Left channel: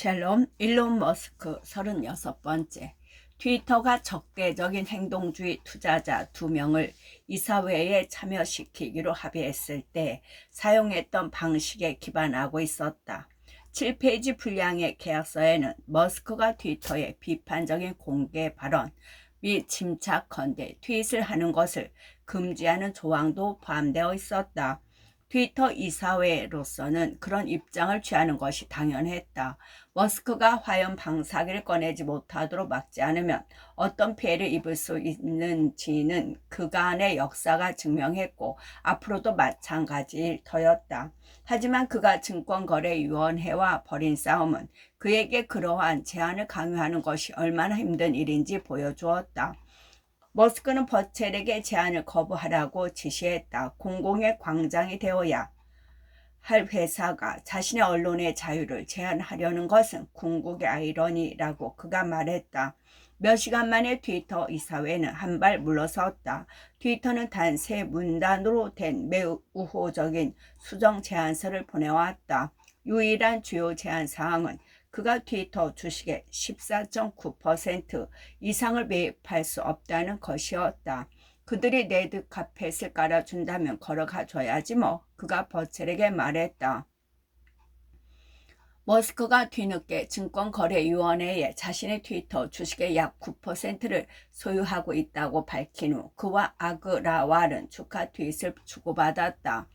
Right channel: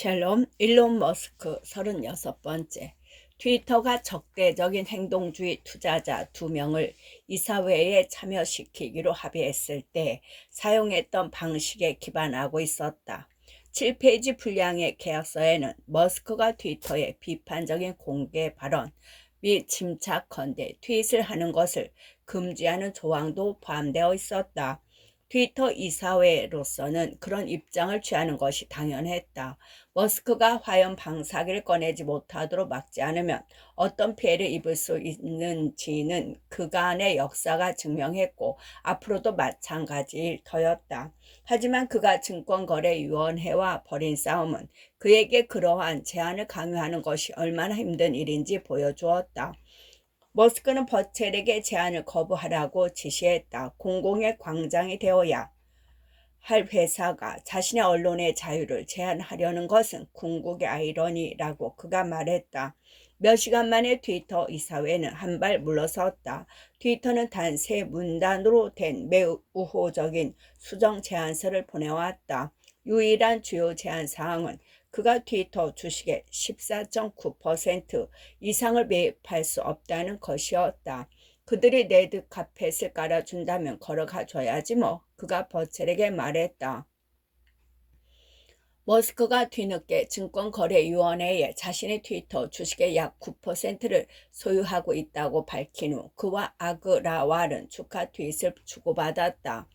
샬롬, 일론 머스크 36번째. 트위터가 적대적인 행동주의 투자자 2명을 이사회에 참여시키기로 합의했을 때 사용했던 방식에 기반하고 있었다. 7페이지 분량의 계약서에는 머스크가 트위터의 비판적인 공개 발언 및 침착컨대 트윗을 하는 것을 금지하는 조항도 포함되어 있었다. 트위터 이사회로서는 그런 입장을 취하는 것이 당연했다. 머스크가 화염 방사기를 꺼내지 못하도록 막지 않으면 어떤 피해를 입을 수 있는지는 그간의 역사가 증명했고 앞으로도 마찬가지일 터였다. 하지만 그가 증권거래위원회와 벌인 싸움은 그에게 그러한 제한을 강요하는 것이 얼마나 힘든 일인지 보여주었다. 머스크는 버첼에게 제안을 거부하라고 지시했다. 공공의 광장이 되어야 할 회사가 자신의 언론의 자유를 제한하려는 것은 궁극의 아이러니라고 그가 말했다. 몇 시간 만에 트위터 이사회는 한 발 물러섰다. 트위터는 단 3문단으로 된 매우 우호적인 수정 제안서를 보내왔다. 유일한 주요 제안 사항은 그가 트위터 주식의 14.9% 이상을 매입할 수 없다는 것이었다. 그들이 레드 카펫을 깔아준다면 걸어가 줘야지 뭐. 그가 버첼에게 말했다. 머스크가 뒤늦게 증권거래위원회에 자신의 트위터 주식의 약 9%를 소유하고 있다고 밝힌 후 그와 아그라왈은 축하 트윗을 주고받았다.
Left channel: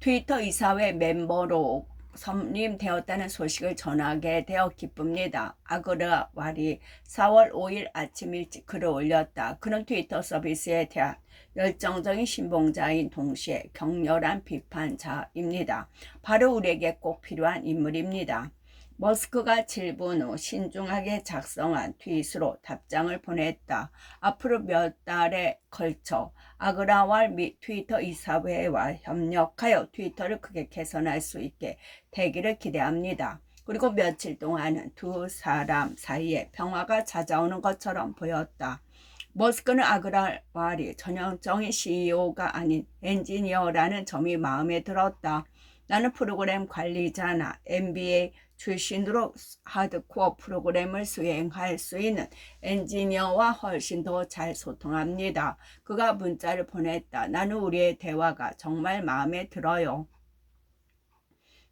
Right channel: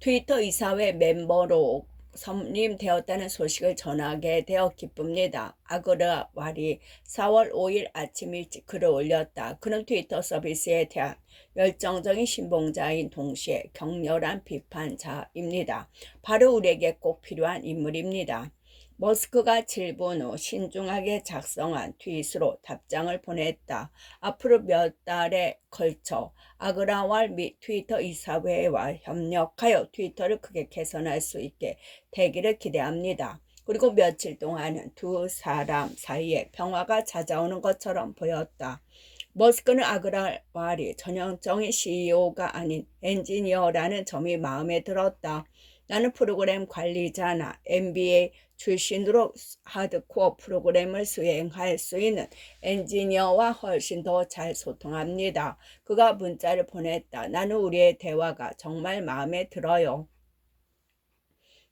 트위터 이사회 멤버로 선임되었다는 소식을 전하게 되어 기쁩니다. 아그라왈이 4월 5일 아침 일찍 글을 올렸다. 그는 트위터 서비스에 대한 열정적인 신봉자인 동시에 격렬한 비판자입니다. 바로 우리에게 꼭 필요한 인물입니다. 머스크가 7분 후 신중하게 작성한 트윗으로 답장을 보냈다. 앞으로 몇 달에 걸쳐 아그라왈 및 트위터 이사회와 협력하여 트위터를 크게 개선할 수 있게 되기를 기대합니다. 그리고 며칠 동안은 두 사람 사이에 평화가 찾아오는 것처럼 보였다. 머스크는 아그라왈이 전형적인 CEO가 아닌 엔지니어라는 점이 마음에 들었다. 나는 프로그램 관리자나 MBA 출신으로 하드코어 프로그램을 수행할 수 있는 엔지니어와 훨씬 더 잘 소통합니다. 그가 문자를 보냈다. 나는 우리의 대화가 정말 마음에 들어요.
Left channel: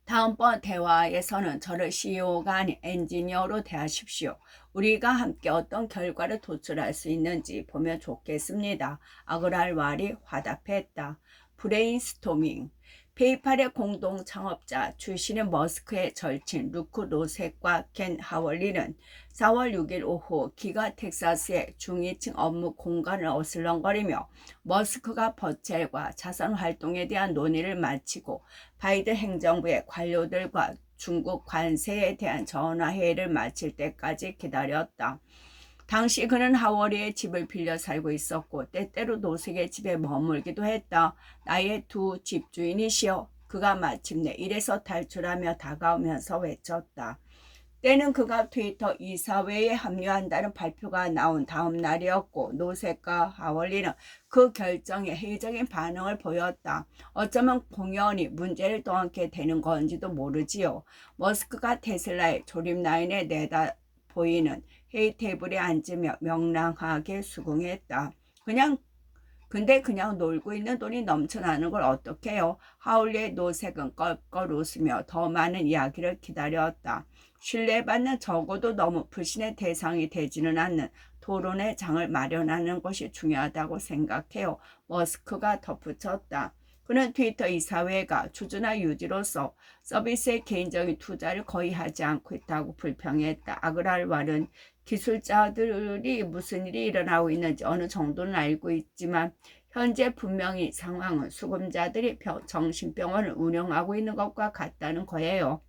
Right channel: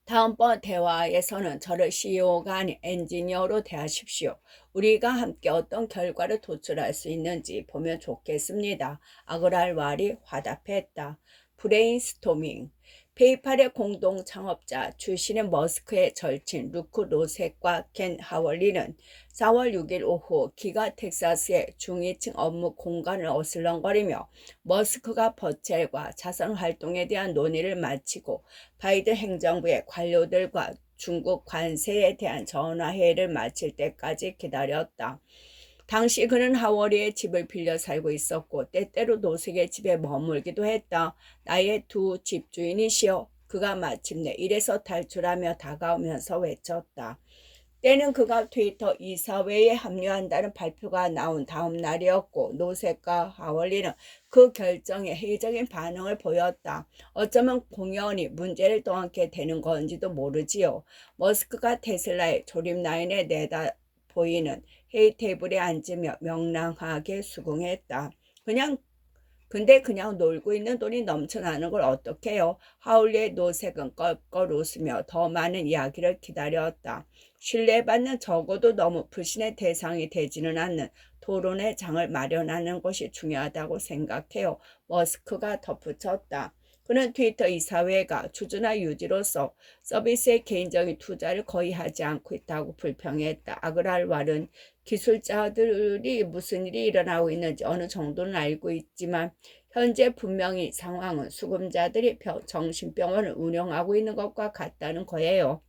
다음번 대화에서는 저를 CEO가 아닌 엔지니어로 대하십시오. 우리가 함께 어떤 결과를 도출할 수 있는지 보면 좋겠습니다. 아그랄왈이 화답했다. 브레인스토밍. 페이팔의 공동 창업자 출신의 머스크의 절친 루크 노색과 켄 하월리는 4월 6일 오후 기가 텍사스의 중위층 업무 공간을 어슬렁거리며 머스크가 버첼과 자선 활동에 대한 논의를 마치고 바이든 행정부의 관료들과 중국 관세에 대한 전화회의를 마칠 때까지 기다렸다. 당시 그는 하워리의 집을 빌려 살고 있었고 때때로 노색의 집에 머물기도 했다. 나의 두 집주인이시여. 그가 마침내 일에서 탈출하며 다가오면서 외쳤다. 때는 그가 트위터 이사회에 합류한다는 발표가 나온 다음 날이었고 노색과 하월리는 그 결정에 회의적인 반응을 보였다. 어쩌면 공연이 문제를 떠안게 되는 건지도 모르지요. 머스크가 테슬라의 조립 라인에 내다 보이는 회의 테이블에 앉으며 명랑하게 수긍했다. 근데 그냥 놀고 있는 돈이 넘쳐나는 걸 어떡해요? 하울리의 노색은 껄껄 웃으며 더 많은 이야기를 기다렸다. 신뢰받는 적어도 너무 불신의 대상이 되지는 않는 토론의 장을 마련하는 것이 중요하다고 생각해요. 머스크가 덧붙였다. 그는 트위터 이사회가 주주나 유지로서 서비스에 개인적인 투자를 거의 하지 않고 있다고 불평했다. 아그랄왈은 기술자들이 무슨 일이 일어나고 있는지 어느 정도는 알고 있지만 현재 분명히 상황은 수금자들이 정신병원을 운영하고 있는 것과 같다는 거예요.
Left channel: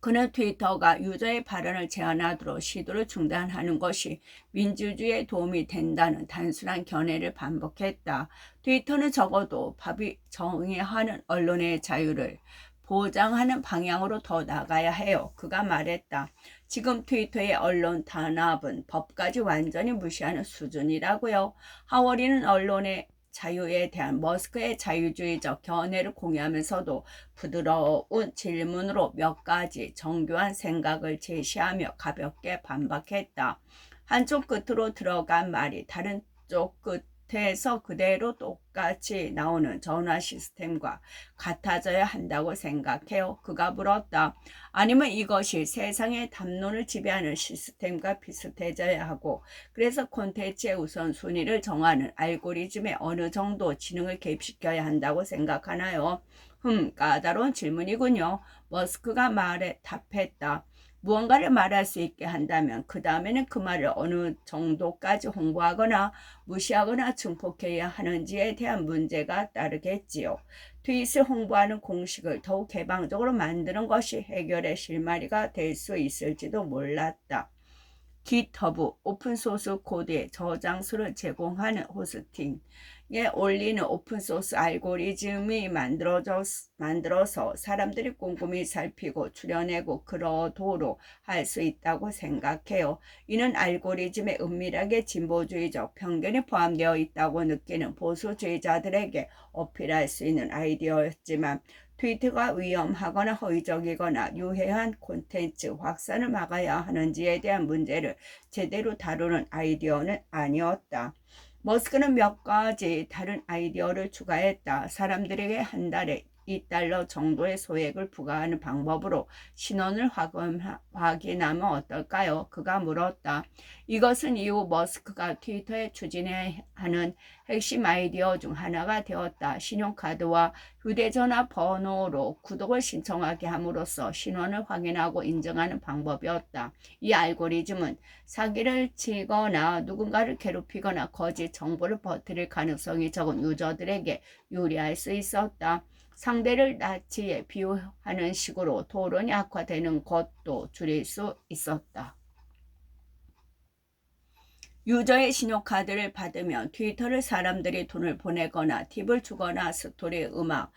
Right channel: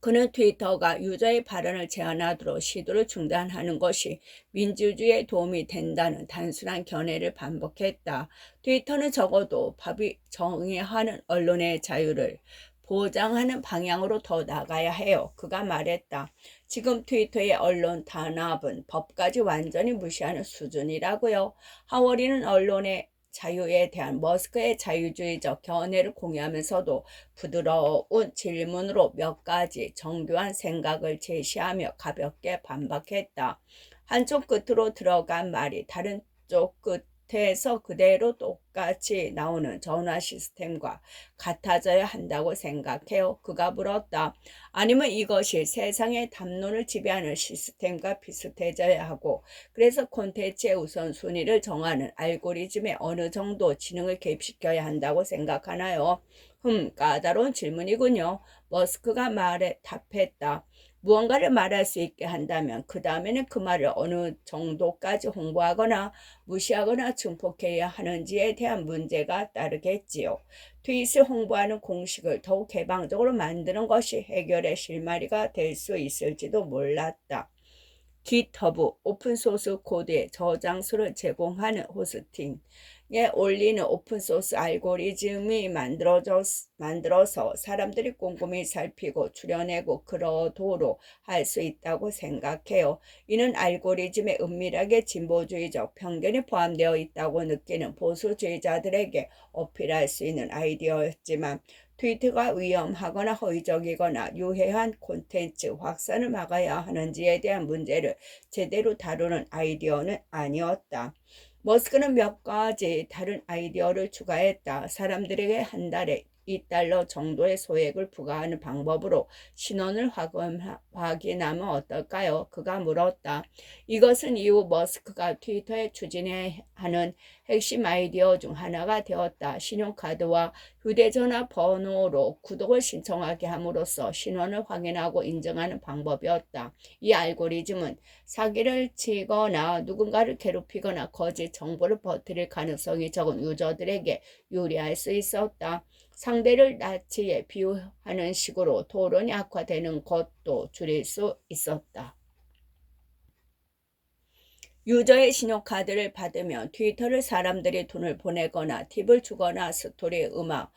그는 트위터가 유저의 발언을 제한하도록 시도를 중단하는 것이 민주주의에 도움이 된다는 단순한 견해를 반복했다. 트위터는 적어도 법이 정의하는 언론의 자유를 보장하는 방향으로 더 나가야 해요. 그가 말했다. 지금 트위터의 언론 탄압은 법까지 완전히 무시하는 수준이라고요. 하워리는 언론의 자유에 대한 머스크의 자유주의적 견해를 공유하면서도 부드러운 질문으로 몇 가지 정교한 생각을 제시하며 가볍게 반박했다. 한쪽 끝으로 들어간 말이 다른 쪽 끝에서 그대로 똑같이 나오는 전화 시스템과 같아져야 한다고 생각해요. 그가 물었다. 아니면 이것이 세상의 담론을 지배하는 시스템과 비슷해져야 하고, 그래서 콘텐츠의 우선순위를 정하는 알고리즘에 어느 정도 지능을 개입시켜야 한다고 생각하나요? 까다로운 질문이군요. 머스크가 말에 답했다. 무언가를 말할 수 있게 한다면 그 다음에는 그 말을 어느 정도까지 홍보하거나 무시하거나 증폭해야 하는지에 대한 문제가 따르겠지요. 트윗을 홍보하는 공식을 더욱 개방적으로 만드는 것이 해결의 실마리가 될 수 있을지도 몰랐다. GitHub 오픈소스 코드의 저장소를 제공하는 호스팅에 올리는 오픈소스 알고리즘이 만들어서 사람들이 꼼꼼히 살피고 추려내고 그러도록 할 수 있다고 생각해요. 이는 알고리즘에 은밀하게 진보주의적 편견이 포함되어 있다고 느끼는 보수주의자들에게 어필할 수 있는 아이디어였지만, 트위터가 위험하거나 허위적이거나 유해한 콘텐츠 확산을 막아야 하는지에 대한 문제를 제대로 다루는 아이디어는 아니었다. 머스크는 몇 가지 다른 아이디어를 추가했다. 사람들에게 한 달에 $2 정도의 소액을 부과하는 방법으로 신원을 확인하면 어떨까요? 그가 물었다. 이것은 이후 머스크가 트위터에 추진해야 하는 핵심 아이디어 중 하나가 되었다. 신용카드와 휴대전화 번호로 구독을 신청하게 함으로써 신원을 확인하고 인정하는 방법이었다. 이 알고리즘은 사기를 치거나 누군가를 괴롭히거나 거짓 정보를 퍼뜨릴 가능성이 적은 유저들에게 유리할 수 있었다. 상대를 나치에 비유하는 식으로 토론이 악화되는 것도 줄일 수 있었다. 유저의 신용카드를 받으면 트위터를 사람들이 돈을 보내거나 팁을 주거나 스토리, 음악,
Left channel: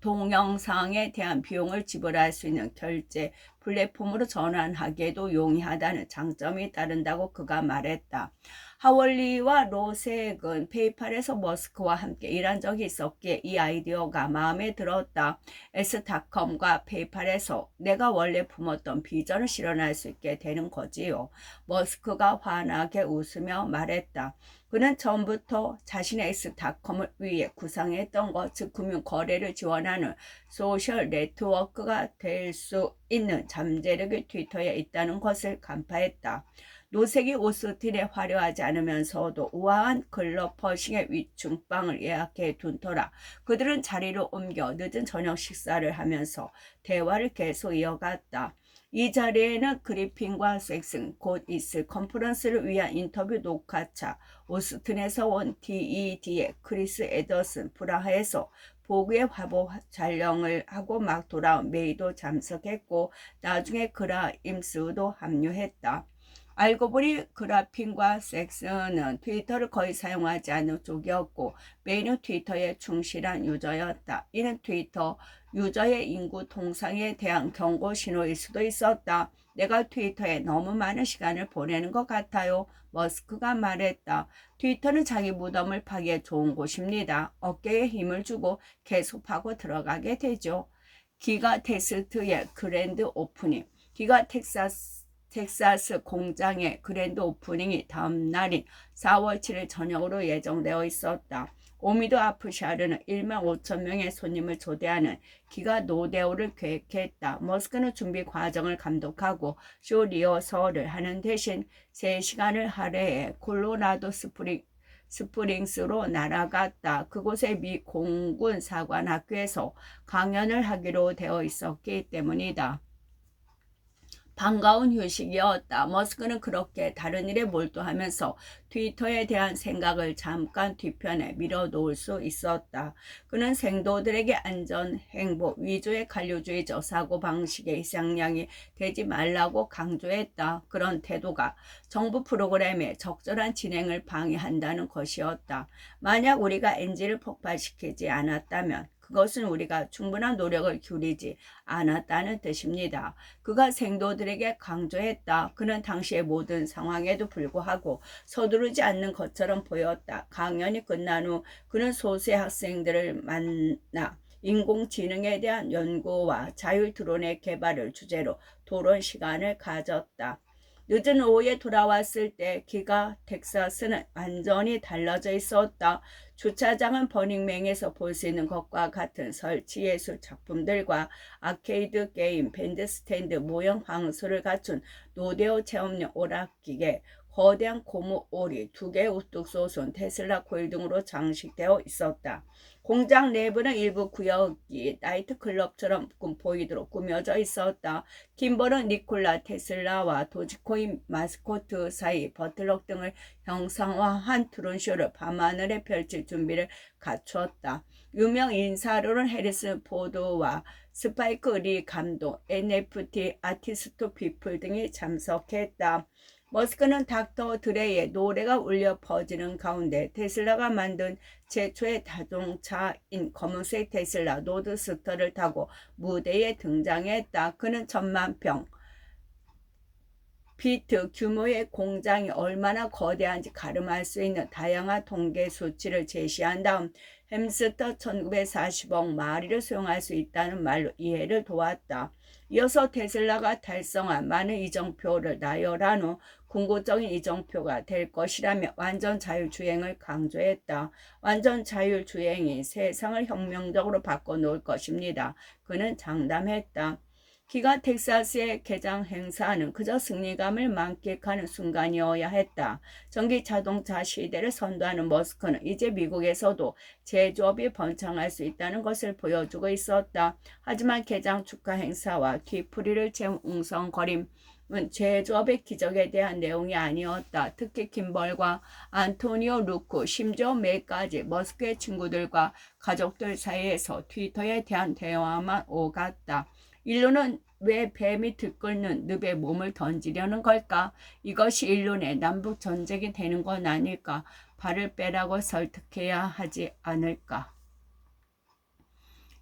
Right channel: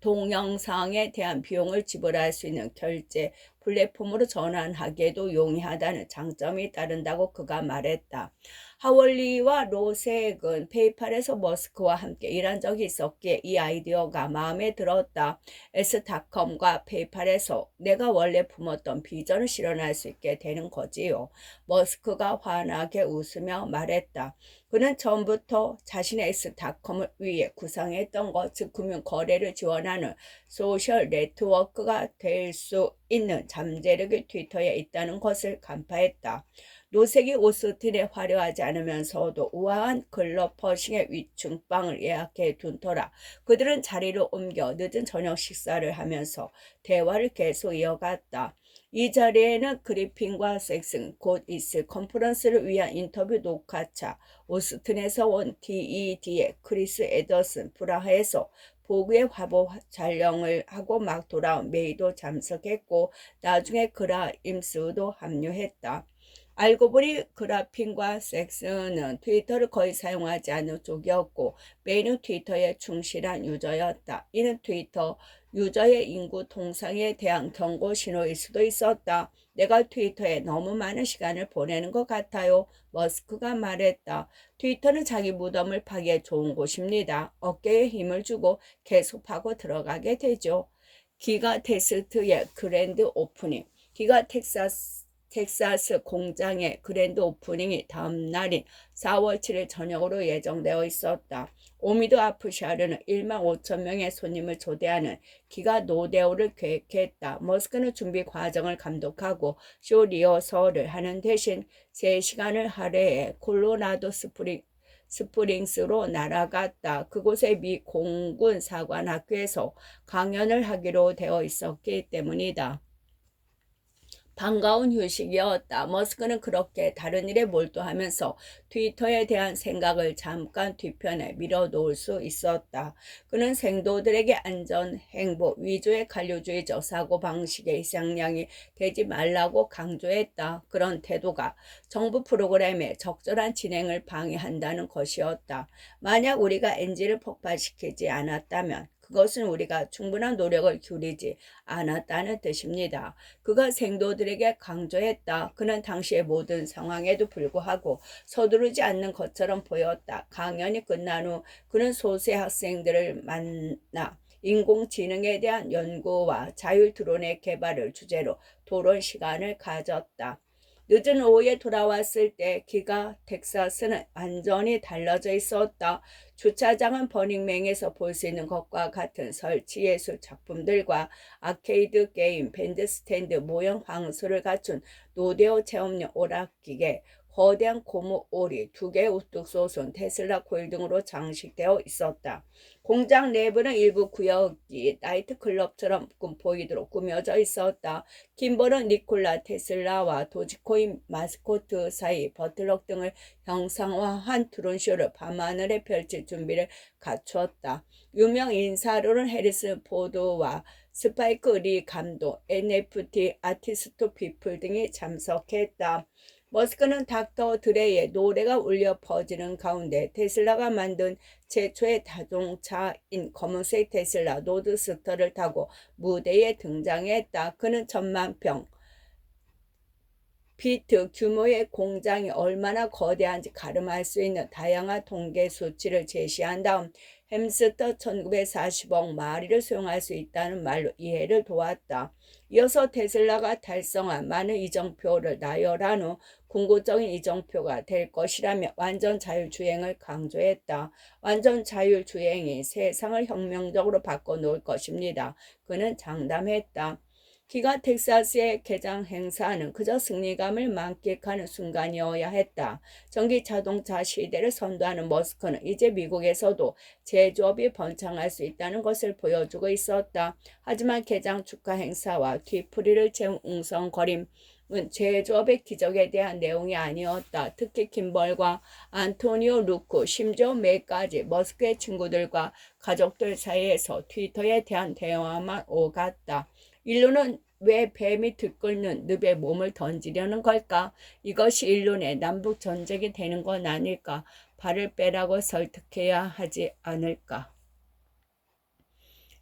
동영상에 대한 비용을 지불할 수 있는 결제 플랫폼으로 전환하기에도 용이하다는 장점이 따른다고 그가 말했다. 하월리와 로색은 페이팔에서 머스크와 함께 일한 적이 있었기에 이 아이디어가 마음에 들었다. S닷컴과 페이팔에서 내가 원래 품었던 비전을 실현할 수 있게 되는 거지요. 머스크가 환하게 웃으며 말했다. 그는 전부터 자신의 S닷컴을 위해 구상했던 것, 즉 금융 거래를 지원하는 소셜 네트워크가 될 수 있는 잠재력이 트위터에 있다는 것을 간파했다. 노색이 오스틴에 화려하지 않으면서도 우아한 클럽 퍼싱의 위층방을 예약해 둔 터라 그들은 자리를 옮겨 늦은 저녁 식사를 하면서 대화를 계속 이어갔다. 이 자리에는 그리핀과 섹슨, 곧 있을 컨퍼런스를 위한 인터뷰 녹화차, 오스틴에서 온 TED의 크리스 에더슨, 프라하에서 보그의 화보 촬영을 하고 막 돌아온 메이도 참석했고, 나중에 그라임스도 합류했다. 알고 보니 그라핀과 섹스는 트위터를 거의 사용하지 않는 쪽이었고, 메이는 트위터에 충실한 유저였다. 이는 트위터 유저의 인구 통상에 대한 경고 신호일 수도 있었다. 내가 트위터에 너무 많은 시간을 보내는 것 같아요. 머스크가 말했다. 트위터는 자기 무덤을 파기에 좋은 곳입니다. 어깨에 힘을 주고 계속 파고 들어가게 되죠. 기가 테스트의 그랜드 오프닝. 기가 텍사스 공장의 그랜드 오프닝이 다음 날인 4월 7일 저녁으로 예정되어 있었다. 오미드 아프샤르는 1만 5천 명의 손님을 초대하는 기가 노데오를 계획했다. 머스크는 준비 과정을 감독하고 쇼 리허설을 하는 대신 3시간을 할애해 콜로라도 스프링스로 날아갔다. 그곳의 미 공군 사관학교에서 강연을 하기로 되어 있었기 때문이다. 반가운 휴식이었다. 머스크는 그렇게 다른 일에 몰두하면서 트위터에 대한 생각을 잠깐 뒤편에 밀어놓을 수 있었다. 그는 생도들에게 안전, 행복, 위주의 관료주의적 사고방식의 희생양이 되지 말라고 강조했다. 그런 태도가 정부 프로그램의 적절한 진행을 방해한다는 것이었다. 만약 우리가 엔진을 폭발시키지 않았다면 그것은 우리가 충분한 노력을 기울이지 않았다는 뜻입니다. 그가 생도들에게 강조했다. 그는 당시의 모든 상황에도 불구하고 서두르지 않는 것처럼 보였다. 강연이 끝난 후 그는 소수의 학생들을 만나 인공지능에 대한 연구와 자율 드론의 개발을 주제로 토론 시간을 가졌다. 늦은 오후에 돌아왔을 때 기가 텍사스는 완전히 달라져 있었다. 주차장은 버닝맨에서 볼 수 있는 것과 같은 설치 예술 작품들과 아케이드 게임, 밴드 스탠드, 모형 황소를 갖춘 노데오 체험용 오락기계, 거대한 고무 오리, 2개의 우뚝 솟은 테슬라 코일 등으로 장식되어 있었다. 공장 내부는 일부 구역이 나이트클럽처럼 보이도록 꾸며져 있었다. 김벌은 니콜라 테슬라와 도지코인 마스코트 사이 버틀럭 등을 형상화한 드론쇼를 밤하늘에 펼칠 준비를 갖추었다. 유명 인사로는 해리슨 포드와 스파이크 리 감독, NFT 아티스트 피플 등이 참석했다. 머스크는 닥터 드레이의 노래가 울려 퍼지는 가운데 테슬라가 만든 최초의 자동차인 검은색 테슬라 로드스터를 타고 무대에 등장했다. 그는 10,000평 피트 규모의 공장이 얼마나 거대한지 가름할 수 있는 다양한 통계 수치를 제시한 다음 햄스터 1940억 마리를 수용할 수 있다는 말로 이해를 도왔다. 이어서 테슬라가 달성한 많은 이정표를 나열한 후 궁극적인 이정표가 될 것이라며 완전 자율주행을 강조했다. 완전 자율주행이 세상을 혁명적으로 바꿔놓을 것입니다. 그는 장담했다. 기가 텍사스의 개장 행사는 그저 승리감을 만끽하는 순간이어야 했다. 전기 자동차 시대를 선도하는 머스크는 이제 미국에서도 제조업이 번창할 수 있다는 것을 보여주고 있었다. 하지만 개장 축하 행사와 뒤풀이를 채운 웅성거림은 제조업의 기적에 대한 내용이 아니었다. 특히 김벌과 안토니오 루크, 심지어 매까지 머스크의 친구들과 가족들 사이에서 트위터에 대한 대화만 오갔다. 인류는 왜 뱀이 들끓는 늪에 몸을 던지려는 걸까? 이것이 인류의 남북 전쟁이 되는 건 아닐까? 발을 빼라고 설득해야 하지 않을까?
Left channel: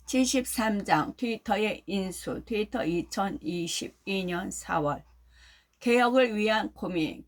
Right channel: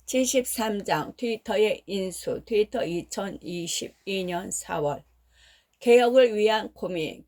73장 트위터의 인수. 트위터 2022년 4월. 개혁을 위한 고민.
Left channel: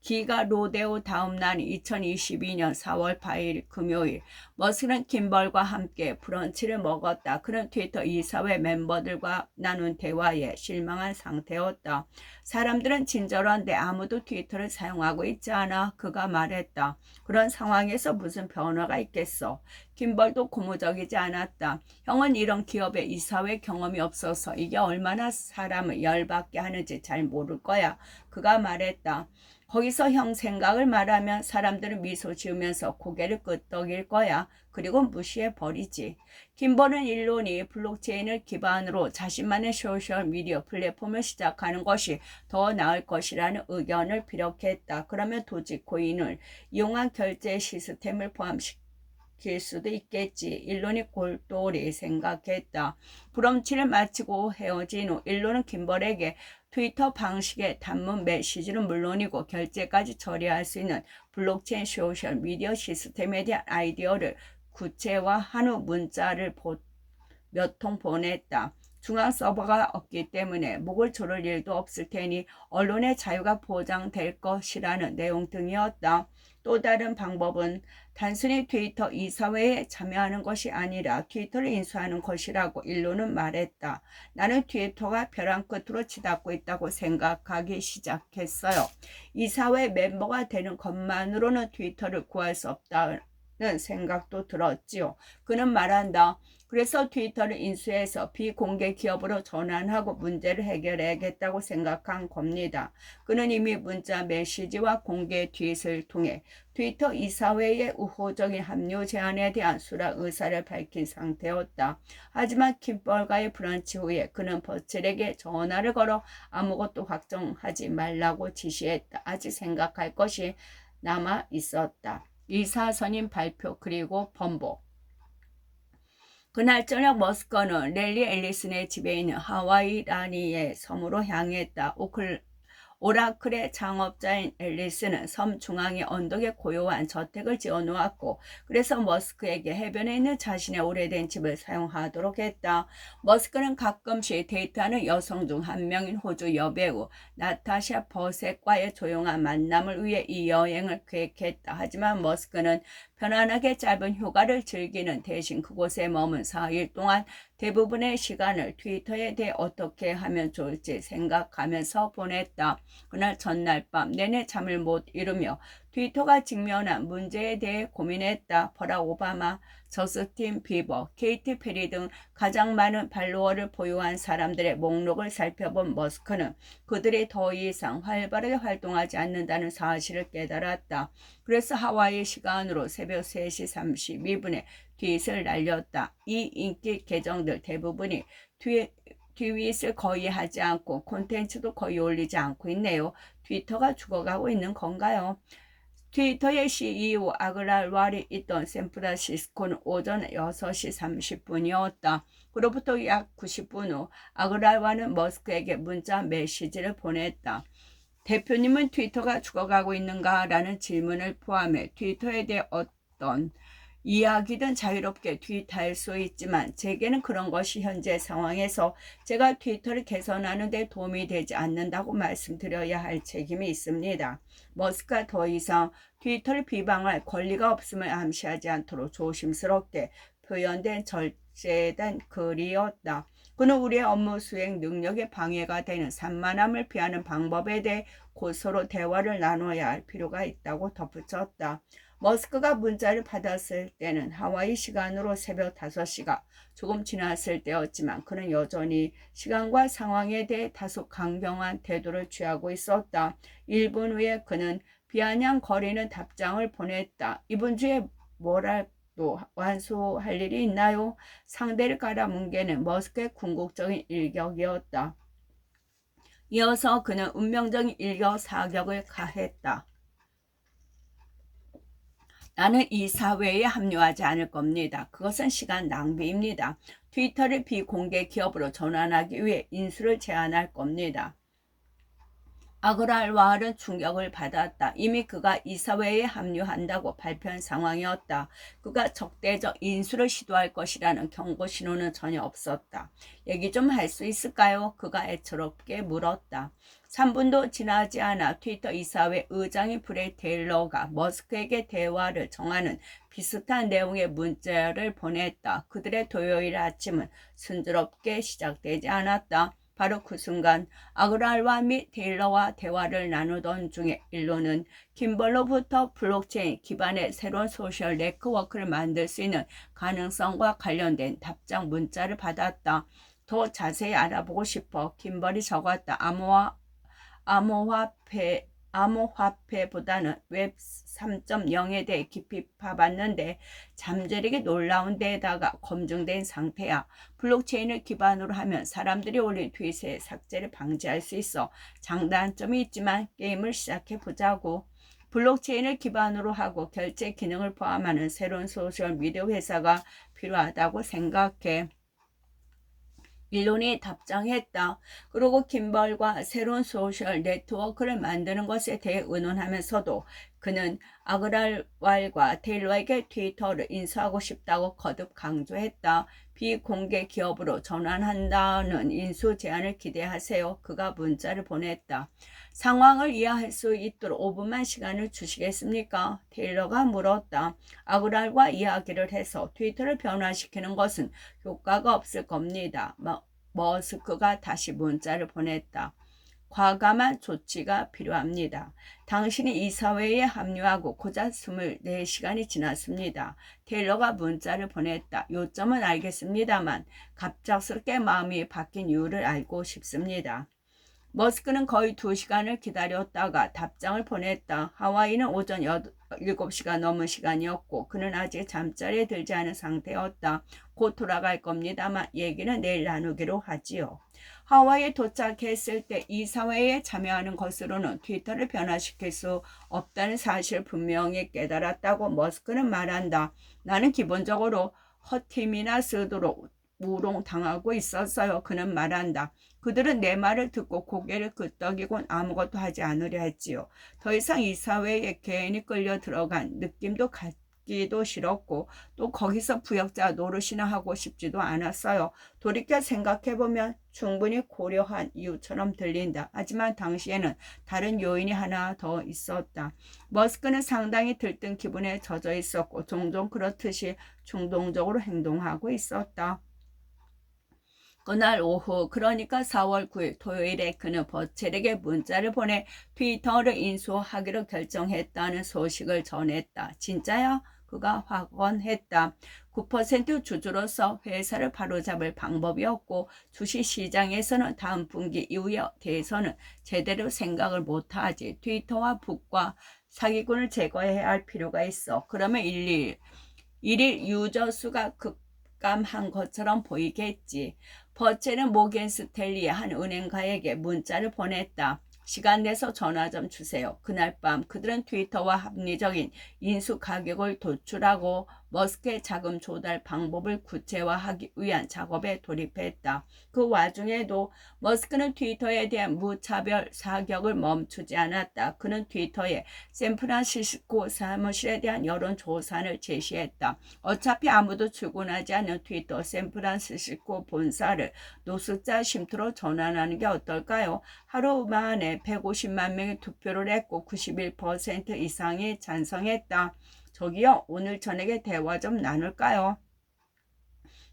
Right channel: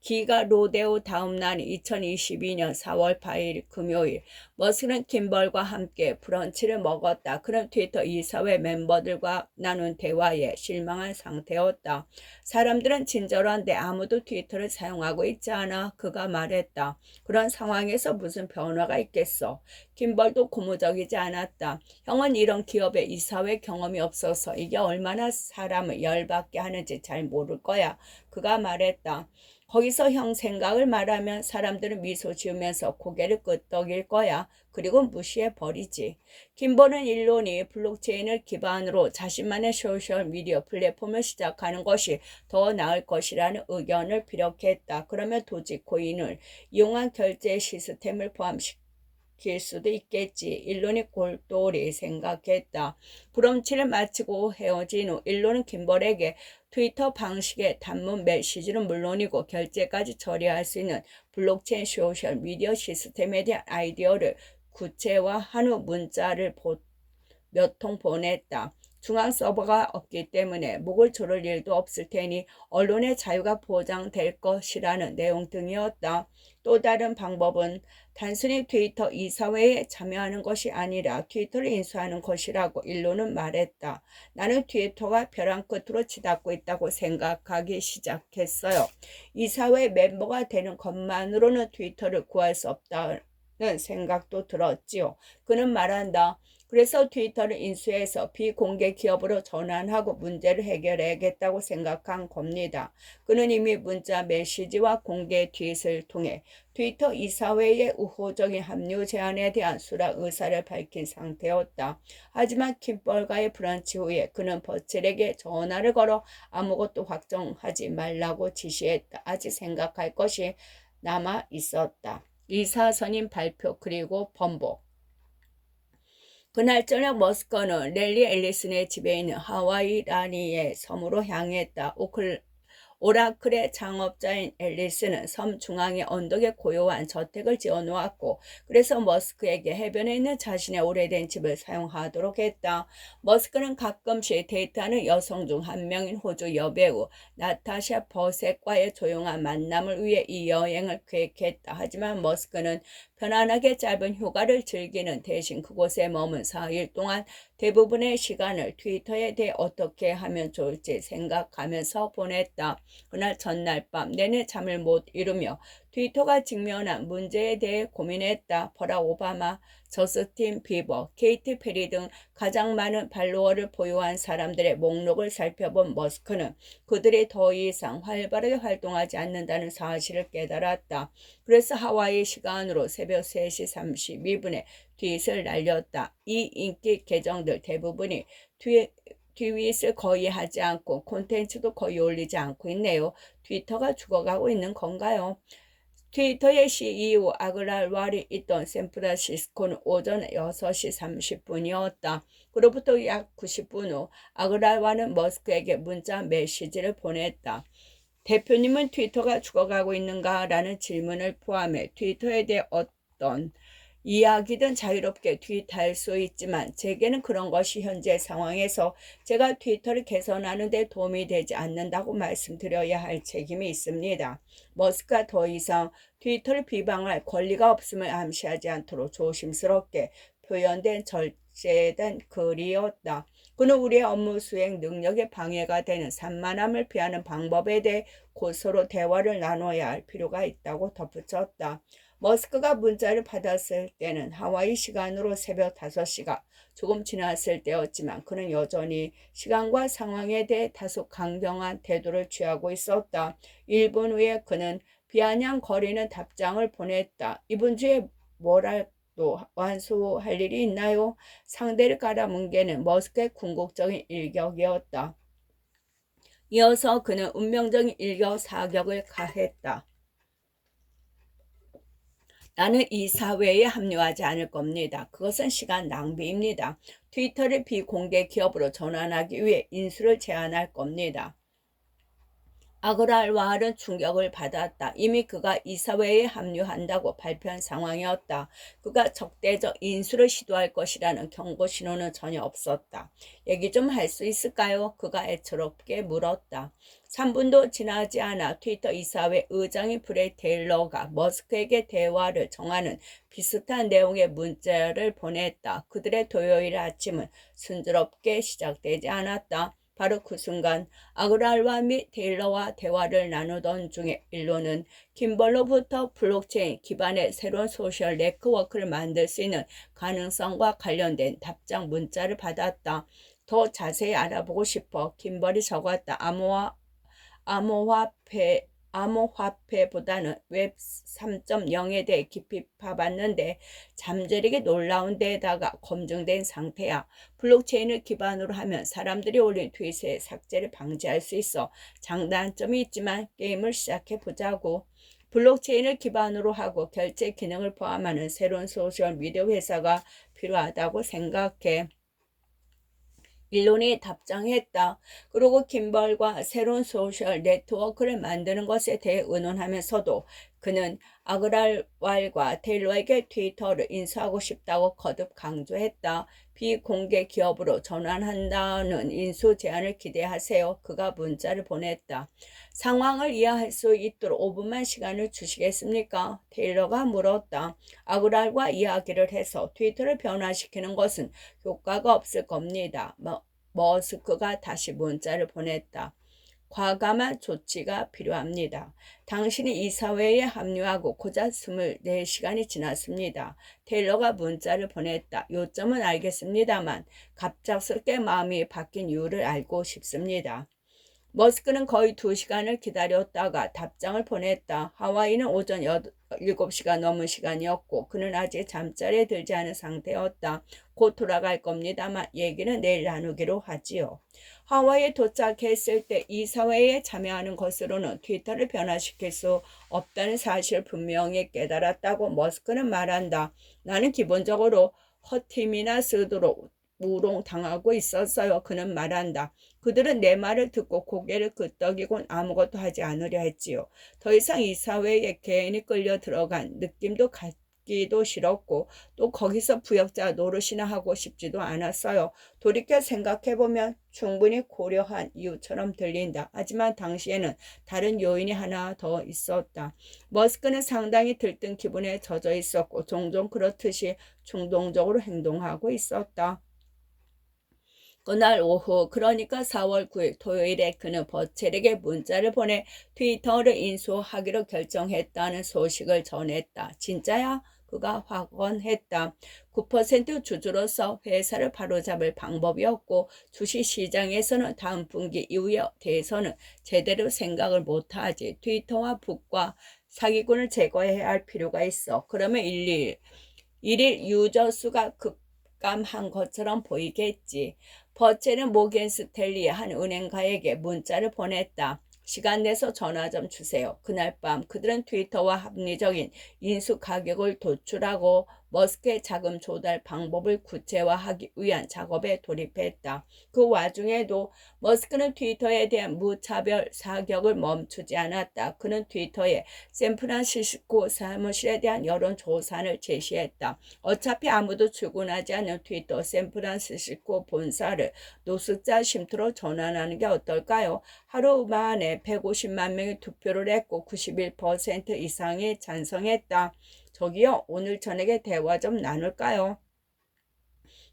기가 로데오 다음 날 2022년 4월 8일 금요일 머스크는 김벌과 함께 브런치를 먹었다. 그는 트위터 이사회 멤버들과 나눈 대화에 실망한 상태였다. 사람들은 친절한데 아무도 트위터를 사용하고 있지 않아. 그가 말했다. 그런 상황에서 무슨 변화가 있겠어. 김벌도 고무적이지 않았다. 형은 이런 기업의 이사회 경험이 없어서 이게 얼마나 사람을 열받게 하는지 잘 모를 거야. 그가 말했다. 거기서 형 생각을 말하면 사람들은 미소 지으면서 고개를 끄덕일 거야. 그리고 무시해 버리지. 김벌은 일론이 블록체인을 기반으로 자신만의 소셜미디어 플랫폼을 시작하는 것이 더 나을 것이라는 의견을 피력했다. 그러면 도지코인을 이용한 결제 시스템을 포함시킬 수도 있겠지. 일론이 골똘히 생각했다. 브런치를 마치고 헤어진 후 일론은 김벌에게 트위터 방식의 단문 메시지는 물론이고 결제까지 처리할 수 있는 블록체인 소셜 미디어 시스템에 대한 아이디어를 구체화한 후 문자를 몇 통 보냈다. 중앙 서버가 없기 때문에 목을 조를 일도 없을 테니 언론의 자유가 보장될 것이라는 내용 등이었다. 또 다른 방법은 단순히 트위터 이사회에 참여하는 것이 아니라 트위터를 인수하는 것이라고 일론은 말했다. 나는 트위터가 벼랑 끝으로 치닫고 있다고 생각하기 시작했어요. 이사회 멤버가 되는 것만으로는 트위터를 구할 수 없다는 생각도 들었지요. 그는 말한다. 그래서 트위터를 인수해서 비공개 기업으로 전환하고 문제를 해결해야겠다고 생각한 겁니다. 그는 이미 문자 메시지와 공개 트윗을 통해 트위터 이사회의 우호적인 합류 제안에 대한 수락 의사를 밝힌 상태였다. 하지만 김벌과의 브런치 후에 그는 버칠에게 전화를 걸어 아무것도 확정하지 말라고 지시했다. 아직 생각할 것이 남아 있었다. 이사 선임 발표 그리고 번복. 그날 저녁 머스크는 랠리 앨리슨의 집에 있는 하와이 라니의 섬으로 향했다. 오라클의 창업자인 앨리스는 섬 중앙의 언덕에 고요한 저택을 지어놓았고 그래서 머스크에게 해변에 있는 자신의 오래된 집을 사용하도록 했다. 머스크는 가끔씩 데이트하는 여성 중 한 명인 호주 여배우 나타샤 버셋과의 조용한 만남을 위해 이 여행을 계획했다. 하지만 머스크는 편안하게 짧은 휴가를 즐기는 대신 그곳에 머문 4일 동안 대부분의 시간을 트위터에 대해 어떻게 하면 좋을지 생각하면서 보냈다. 그날 전날 밤 내내 잠을 못 이루며 트위터가 직면한 문제에 대해 고민했다. 버락 오바마, 저스틴 비버, 케이티 페리 등 가장 많은 팔로워를 보유한 사람들의 목록을 살펴본 머스크는 그들이 더 이상 활발하게 활동하지 않는다는 사실을 깨달았다. 그래서 하와이 시간으로 새벽 3시 32분에 트윗을 날렸다. 이 인기 계정들 대부분이 트윗을 거의 하지 않고 콘텐츠도 거의 올리지 않고 있네요. 트위터가 죽어가고 있는 건가요? 트위터의 CEO 아그랄 왈이 있던 샌프란시스코는 오전 6시 30분이었다. 그로부터 약 90분 후 아그랄 왈은 머스크에게 문자 메시지를 보냈다. 대표님은 트위터가 죽어가고 있는가? 라는 질문을 포함해 트위터에 대해 어떤 이야기든 자유롭게 트윗할 수 있지만 제게는 그런 것이 현재 상황에서 제가 트위터를 개선하는 데 도움이 되지 않는다고 말씀드려야 할 책임이 있습니다. 머스크가 더 이상 트위터를 비방할 권리가 없음을 암시하지 않도록 조심스럽게 표현된 절제된 글이었다. 그는 우리의 업무 수행 능력에 방해가 되는 산만함을 피하는 방법에 대해 곧 서로 대화를 나눠야 할 필요가 있다고 덧붙였다. 머스크가 문자를 받았을 때는 하와이 시간으로 새벽 5시가 조금 지났을 때였지만 그는 여전히 시간과 상황에 대해 다소 강경한 태도를 취하고 있었다. 1분 후에 그는 비아냥거리는 답장을 보냈다. 이분 주에 뭐라도 완수할 일이 있나요? 상대를 깔아뭉개는 머스크의 궁극적인 일격이었다. 이어서 그는 운명적인 일격사격을 가했다. 나는 이 사회에 합류하지 않을 겁니다. 그것은 시간 낭비입니다. 트위터를 비공개 기업으로 전환하기 위해 인수를 제안할 겁니다. 아그랄 왈은 충격을 받았다. 이미 그가 이 사회에 합류한다고 발표한 상황이었다. 그가 적대적 인수를 시도할 것이라는 경고 신호는 전혀 없었다. 얘기 좀 할 수 있을까요? 그가 애처롭게 물었다. 3분도 지나지 않아 트위터 이사회 의장이 브레이 테일러가 머스크에게 대화를 정하는 비슷한 내용의 문자를 보냈다. 그들의 토요일 아침은 순조롭게 시작되지 않았다. 바로 그 순간 아그랄와 및 테일러와 대화를 나누던 중에 일로는 김벌로부터 블록체인 기반의 새로운 소셜 네트워크를 만들 수 있는 가능성과 관련된 답장 문자를 받았다. 더 자세히 알아보고 싶어. 김벌이 적었다. 암호화폐보다는 웹 3.0에 대해 깊이 파봤는데 잠재력이 놀라운 데에다가 검증된 상태야. 블록체인을 기반으로 하면 사람들이 올린 트윗의 삭제를 방지할 수 있어. 장단점이 있지만 게임을 시작해보자고. 블록체인을 기반으로 하고 결제 기능을 포함하는 새로운 소셜미디어 회사가 필요하다고 생각해. 일론이 답장했다. 그리고 김벌과 새로운 소셜 네트워크를 만드는 것에 대해 의논하면서도 그는 아그랄왈과 테일러에게 트위터를 인수하고 싶다고 거듭 강조했다. 비공개 기업으로 전환한다는 인수 제안을 기대하세요. 그가 문자를 보냈다. 상황을 이해할 수 있도록 5분만 시간을 주시겠습니까? 테일러가 물었다. 아그랄과 이야기를 해서 트위터를 변화시키는 것은 효과가 없을 겁니다. 머스크가 다시 문자를 보냈다. 과감한 조치가 필요합니다. 당신이 이 사회에 합류하고 고작 24시간이 지났습니다. 테일러가 문자를 보냈다. 요점은 알겠습니다만 갑작스럽게 마음이 바뀐 이유를 알고 싶습니다. 머스크는 거의 2시간을 기다렸다가 답장을 보냈다. 하와이는 오전 7시가 넘은 시간이었고 그는 아직 잠자리에 들지 않은 상태였다. 곧 돌아갈 겁니다만 얘기는 내일 나누기로 하지요. 하와이에 도착했을 때 이 사회에 참여하는 것으로는 트위터를 변화시킬 수 없다는 사실을 분명히 깨달았다고 머스크는 말한다. 나는 기본적으로 헛힘이나 쓰도록 우롱당하고 있었어요. 그는 말한다. 그들은 내 말을 듣고 고개를 끄덕이곤 아무것도 하지 않으려 했지요. 더 이상 이 사회에 괜히 끌려 들어간 느낌도 갖기도 싫었고 또 거기서 부역자 노릇이나 하고 싶지도 않았어요. 돌이켜 생각해보면 충분히 고려한 이유처럼 들린다. 하지만 당시에는 다른 요인이 하나 더 있었다. 머스크는 상당히 들뜬 기분에 젖어 있었고 종종 그렇듯이 충동적으로 행동하고 있었다. 그날 오후, 그러니까 4월 9일 토요일에 그는 버첼에게 문자를 보내 트위터를 인수하기로 결정했다는 소식을 전했다. 진짜야? 그가 확언했다. 9% 주주로서 회사를 바로잡을 방법이었고 주식시장에서는 다음 분기 이후에 대해서는 제대로 생각을 못하지. 트위터와 북과 사기꾼을 제거해야 할 필요가 있어. 그러면 일일 유저 수가 급감한 것처럼 보이겠지. 버첼은 모겐 스탠리의 한 은행가에게 문자를 보냈다. 시간 내서 전화 좀 주세요. 그날 밤 그들은 트위터와 합리적인 인수 가격을 도출하고 머스크의 자금 조달 방법을 구체화하기 위한 작업에 돌입했다. 그 와중에도 머스크는 트위터에 대한 무차별 사격을 멈추지 않았다. 그는 트위터에 샌프란시스코 사무실에 대한 여론조사를 제시했다. 어차피 아무도 출근하지 않는 트위터 샌프란시스코 본사를 노숙자 쉼터로 전환하는 게 어떨까요? 하루 만에 150만 명이 투표를 했고 91% 이상이 찬성했다. 저기요, 오늘 저녁에 대화 좀 나눌까요?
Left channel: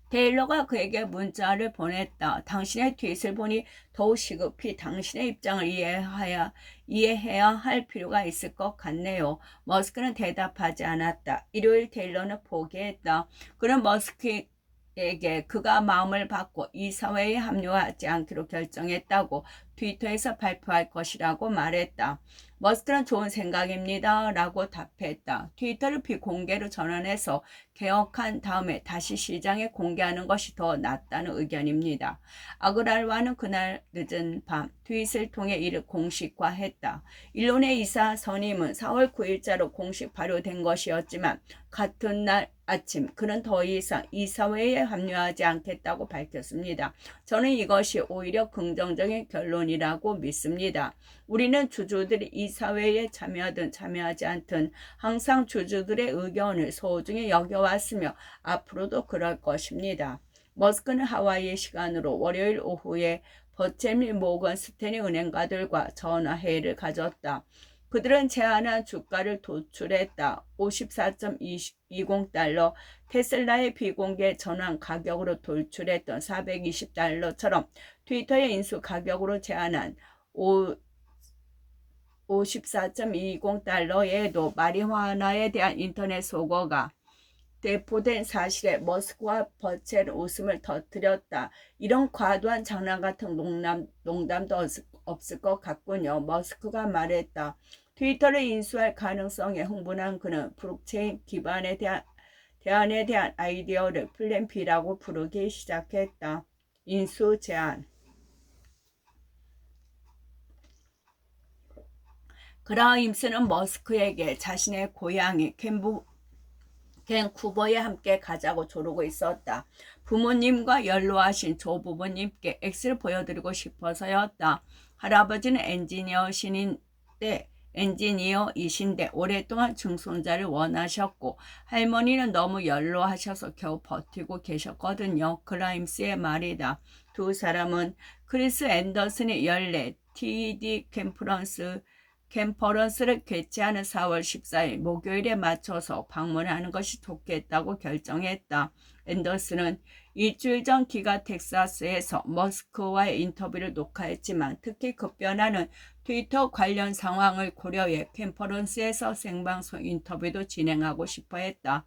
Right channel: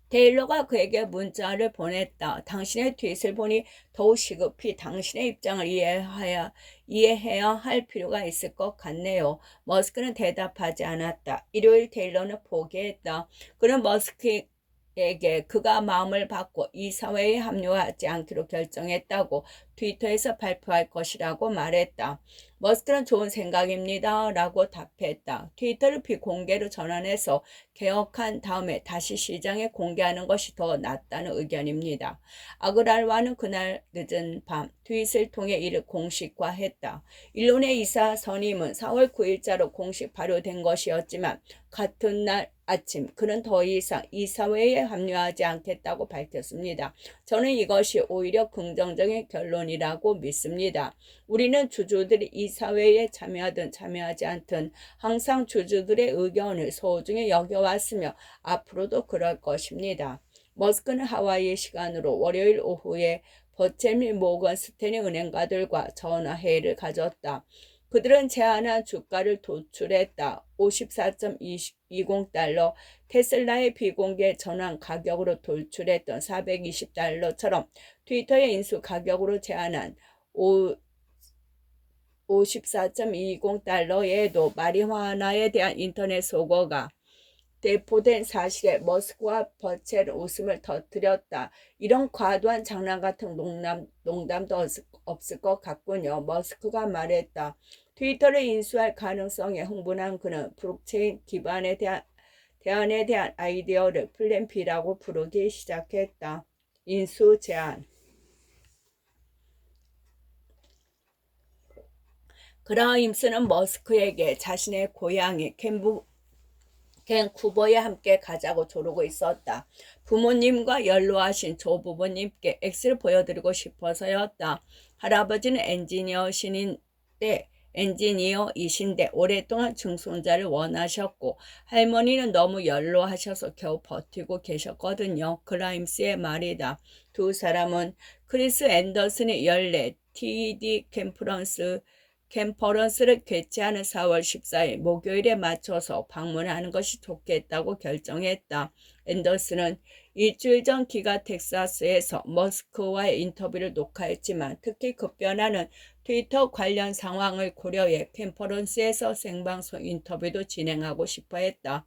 테일러가 그에게 문자를 보냈다. 당신의 트윗을 보니 더욱 시급히 당신의 입장을 이해해야 할 필요가 있을 것 같네요. 머스크는 대답하지 않았다. 일요일 테일러는 포기했다. 그는 머스크에게 그가 마음을 바꿔 이 사회에 합류하지 않기로 결정했다고 트위터에서 발표할 것이라고 말했다. 머스크는 좋은 생각입니다. 라고 답했다. 트위터를 비공개로 전환해서 개혁한 다음에 다시 시장에 공개하는 것이 더 낫다는 의견입니다. 아그랄와는 그날 늦은 밤 트윗을 통해 이를 공식화했다. 일론의 이사 선임은 4월 9일자로 공식 발효된 것이었지만 같은 날 아침 그는 더 이상 이 사회에 합류하지 않겠다고 밝혔습니다. 저는 이것이 오히려 긍정적인 결론이라고 믿습니다. 우리는 주주들이 이 사회에 참여하든 참여하지 않든 항상 주주들의 의견을 소중히 여겨왔으며 앞으로도 그럴 것입니다. 머스크는 하와이 시간으로 월요일 오후에 버첼 및 모건 스탠리 은행가들과 전화회의를 가졌다. 그들은 제안한 주가를 도출했다. 54.20달러, 테슬라의 비공개 전환 가격으로 도출했던 420달러처럼 트위터의 인수 가격으로 제안한 54.20달러에도 마리화나에 대한 인터넷 속어가 대포된 사실에 머스크와 버첼은 웃음을 터뜨렸다. 이런 과도한 장난 같은 농담도 없을 것 같군요. 머스크가 말했다. 트위터를 인수할 가능성에 흥분한 그는 블록체인 기반에 대안에 대한 아이디어를 플랜 B라고 부르기 시작했다. 인수 제안. 그라임스는 머스크에게 자신의 고향이 밴쿠버에 함께 가자고 조르고 있었다. 부모님과 연로하신 조부모님께 X를 보여드리고 싶어서였다. 할아버지는 엔지니어이신데 오랫동안 증손자를 원하셨고 할머니는 너무 연로하셔서 겨우 버티고 계셨거든요. 그라임스의 말이다. 두 사람은 크리스 앤더슨이 연례 TED 캠퍼런스를 개최하는 4월 14일 목요일에 맞춰서 방문하는 것이 좋겠다고 결정했다. 앤더슨은 일주일 전 기가 텍사스에서 머스크와의 인터뷰를 녹화했지만 특히 급변하는 트위터 관련 상황을 고려해 컨퍼런스에서 생방송 인터뷰도 진행하고 싶어 했다.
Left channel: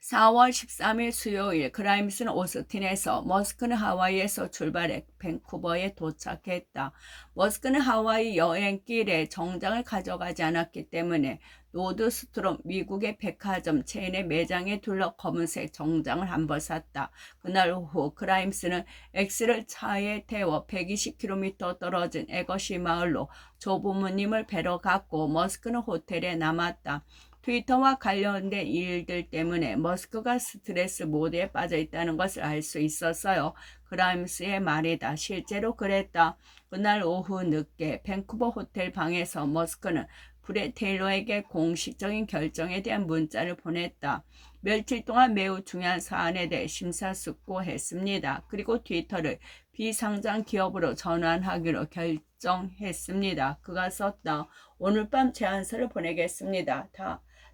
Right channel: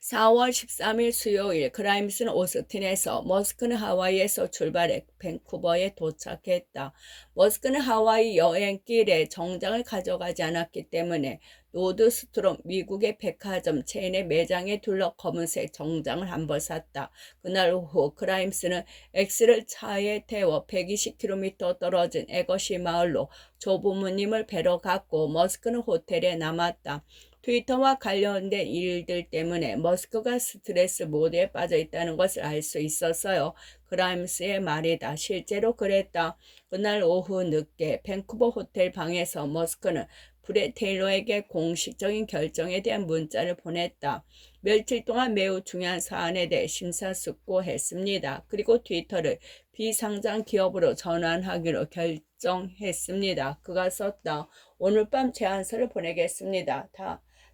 4월 13일 수요일 그라임스는 오스틴에서 머스크는 하와이에서 출발해 밴쿠버에 도착했다. 머스크는 하와이 여행길에 정장을 가져가지 않았기 때문에 노드스트롬 미국의 백화점 체인의 매장에 둘러 검은색 정장을 한 벌 샀다. 그날 오후 그라임스는 X를 차에 태워 120km 떨어진 에거시 마을로 조부모님을 뵈러 갔고 머스크는 호텔에 남았다. 트위터와 관련된 일들 때문에 머스크가 스트레스 모드에 빠져 있다는 것을 알 수 있었어요. 그라임스의 말이다. 실제로 그랬다. 그날 오후 늦게 밴쿠버 호텔 방에서 머스크는 브렛 테일러에게 공식적인 결정에 대한 문자를 보냈다. 며칠 동안 매우 중요한 사안에 대해 심사숙고했습니다. 그리고 트위터를 비상장 기업으로 전환하기로 결정했습니다. 그가 썼다. 오늘 밤 제안서를 보내겠습니다.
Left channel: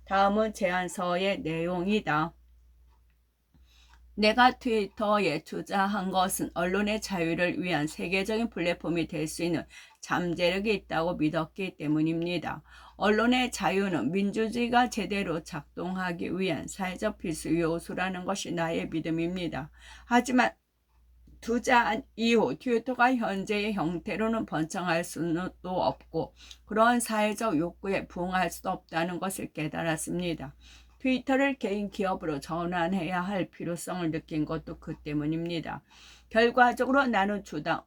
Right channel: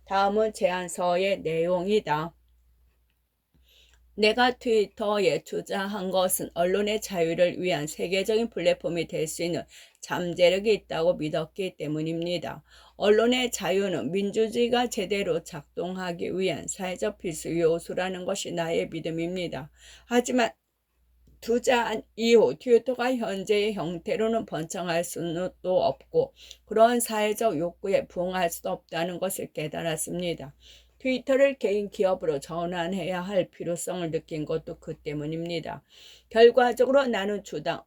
다음은 제안서의 내용이다. 내가 트위터에 투자한 것은 언론의 자유를 위한 세계적인 플랫폼이 될 수 있는 잠재력이 있다고 믿었기 때문입니다. 언론의 자유는 민주주의가 제대로 작동하기 위한 사회적 필수 요소라는 것이 나의 믿음입니다. 하지만 투자한 이후 트위터가 현재의 형태로는 번창할 수는 또 없고 그러한 사회적 욕구에 부응할 수도 없다는 것을 깨달았습니다. 트위터를 개인 기업으로 전환해야 할 필요성을 느낀 것도 그 때문입니다. 결과적으로 나는 주당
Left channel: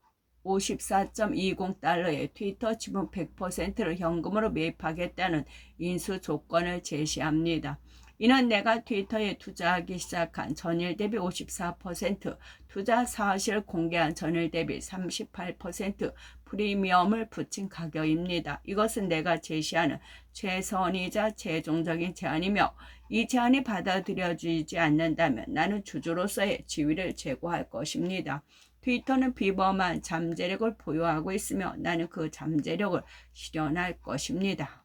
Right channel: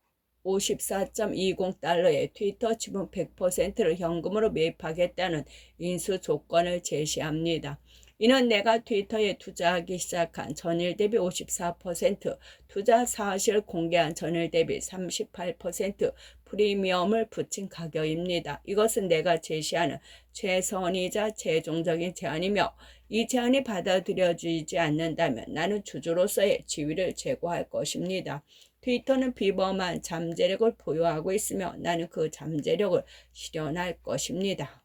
54.20달러의 트위터 지분 100%를 현금으로 매입하겠다는 인수 조건을 제시합니다. 이는 내가 트위터에 투자하기 시작한 전일 대비 54%, 투자 사실을 공개한 전일 대비 38% 프리미엄을 붙인 가격입니다. 이것은 내가 제시하는 최선이자 최종적인 제안이며 이 제안이 받아들여지지 않는다면 나는 주주로서의 지위를 제고할 것입니다. 트위터는 비범한 잠재력을 보유하고 있으며 나는 그 잠재력을 실현할 것입니다.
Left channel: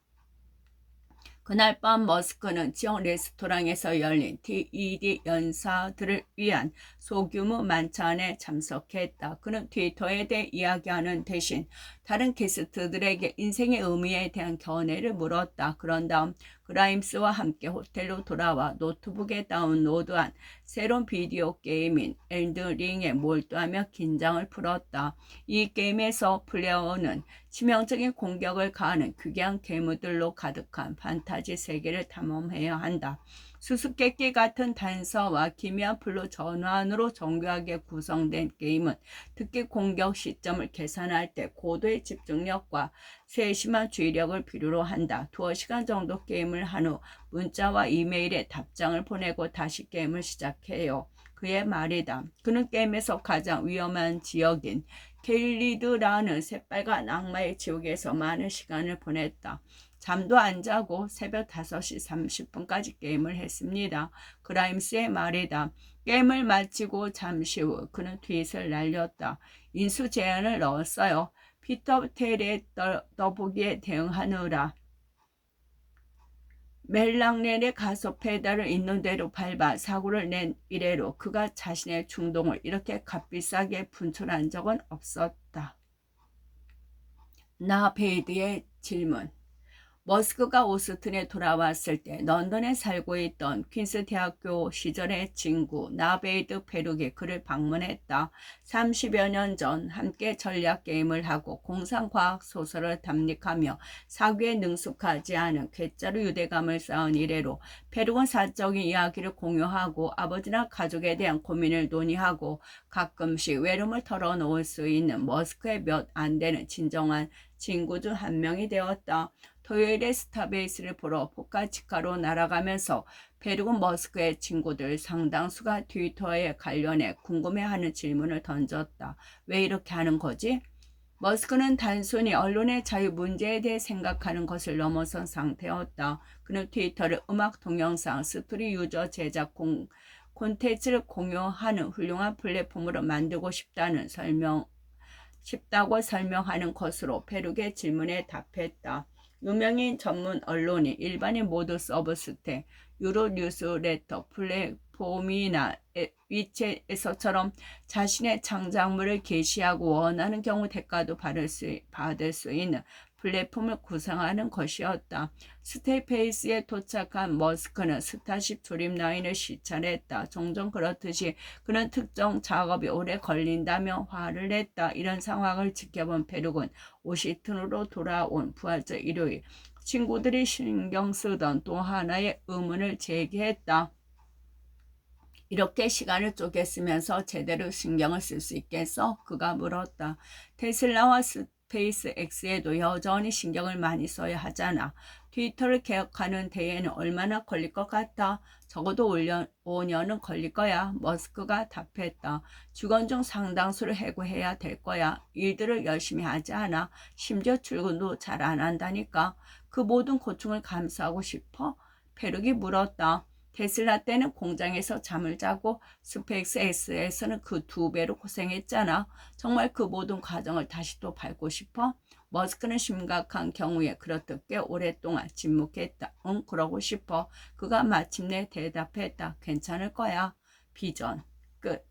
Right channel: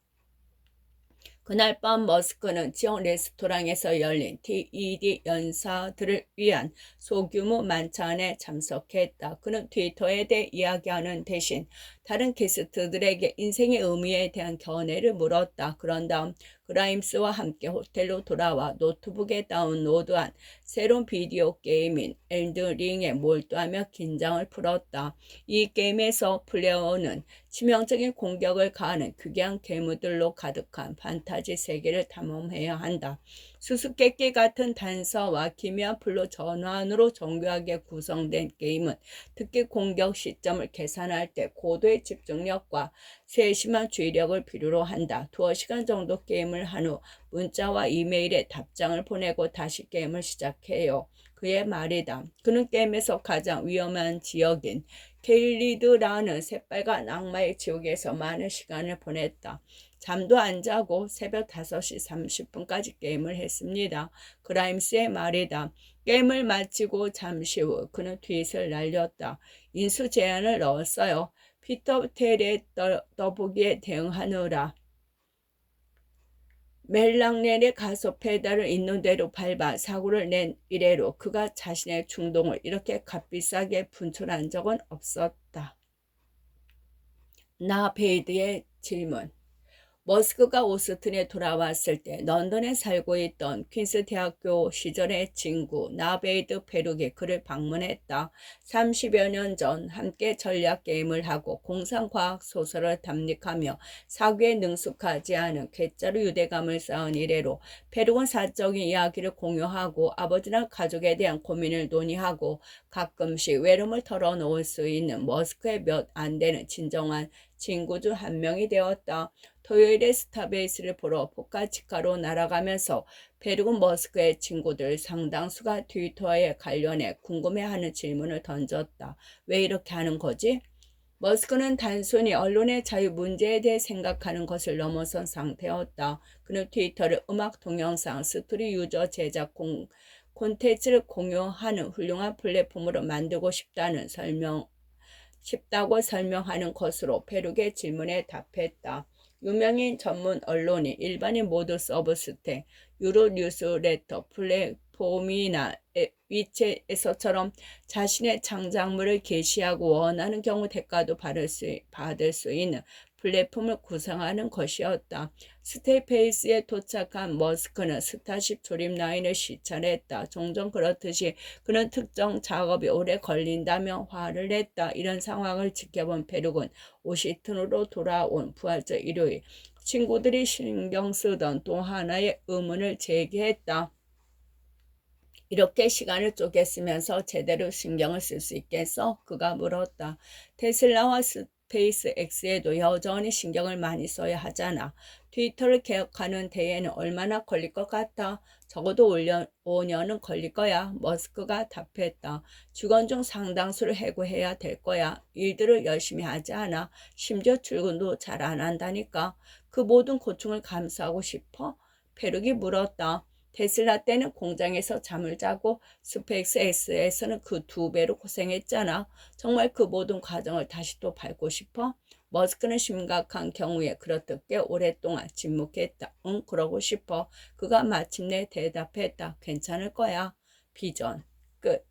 그날 밤 머스크는 지역 레스토랑에서 열린 TED 연사들을 위한 소규모 만찬에 참석했다. 그는 트위터에 대해 이야기하는 대신 다른 게스트들에게 인생의 의미에 대한 견해를 물었다. 그런 다음 그라임스와 함께 호텔로 돌아와 노트북에 다운로드한 새로운 비디오 게임인 엘든링에 몰두하며 긴장을 풀었다. 이 게임에서 플레이어는 치명적인 공격을 가하는 귀괴한 괴물들로 가득한 판타지 세계를 탐험해야 한다. 수수께끼 같은 단서와 기묘한 플롯 전환으로 정교하게 구성된 게임은 특히 공격 시점을 계산할 때 고도의 집중력과 세심한 주의력을 필요로 한다. 2시간 정도 게임을 한 후 문자와 이메일에 답장을 보내고 다시 게임을 시작해요. 그의 말이다. 그는 게임에서 가장 위험한 지역인 켈리드라는 새빨간 악마의 지옥에서 많은 시간을 보냈다. 잠도 안 자고 새벽 5시 30분까지 게임을 했습니다. 그라임스의 말이다. 게임을 마치고 잠시 후 그는 트윗을 날렸다. 인수 제안을 넣었어요. 피터 텔의 떠보기에 대응하느라 멜랑렐의 가속 페달을 있는 대로 밟아 사고를 낸 이래로 그가 자신의 충동을 이렇게 값비싸게 분출한 적은 없었다. 나베이드의 질문. 머스크가 오스틴에 돌아왔을 때 런던에 살고 있던 퀸스 대학교 시절의 친구 나베이드 페룩이 그를 방문했다. 30여 년 전 함께 전략 게임을 하고 공상과학 소설을 담력하며 사고에 능숙하지 않은 괴짜로 유대감을 쌓은 이래로 페룩은 사적인 이야기를 공유하고 아버지나 가족에 대한 고민을 논의하고 가끔씩 외로움을 털어놓을 수 있는 머스크의 몇 안 되는 진정한 친구 중 한 명이 되었다. 토요일에 스타베이스를 보러 포카치카로 날아가면서 페룩은 머스크의 친구들 상당수가 트위터에 관련해 궁금해하는 질문을 던졌다. 왜 이렇게 하는 거지? 머스크는 단순히 언론의 자유 문제에 대해 생각하는 것을 넘어선 상태였다. 그는 트위터를 음악, 동영상, 스토리 유저 제작 콘텐츠를 공유하는 훌륭한 플랫폼으로 만들고 싶다고 설명하는 것으로 페룩의 질문에 답했다. 유명인 전문 언론이 일반인 모두 서브스테, 유로 뉴스레터, 플랫폼이나 위챗에서처럼 자신의 창작물을 게시하고 원하는 경우 대가도 받을 수 있는 플랫폼을 구성하는 것이었다. 스테이페이스에 도착한 머스크는 스타쉽 조립 라인을 시찰했다. 종종 그렇듯이 그는 특정 작업이 오래 걸린다며 화를 냈다. 이런 상황을 지켜본 페룩은 워싱턴으로 돌아온 부활절 일요일 친구들이 신경 쓰던 또 하나의 의문을 제기했다. 이렇게 시간을 쪼개 쓰면서 제대로 신경을 쓸 수 있겠어? 그가 물었다. 테슬라와 스페이스 X에도 여전히 신경을 많이 써야 하잖아. 트위터를 개혁하는 데에는 얼마나 걸릴 것 같아? 적어도 5년은 걸릴 거야. 머스크가 답했다. 직원 중 상당수를 해고해야 될 거야. 일들을 열심히 하지 않아. 심지어 출근도 잘 안 한다니까. 그 모든 고충을 감수하고 싶어? 페룩이 물었다. 테슬라 때는 공장에서 잠을 자고 스페이스 X에서는 그 2배로 고생했잖아. 정말 그 모든 과정을 다시 또 밟고 싶어? 머스크는 심각한 경우에 그렇게 오랫동안 침묵했다. 응, 그러고 싶어. 그가 마침내 대답했다. 괜찮을 거야. 비전. 끝.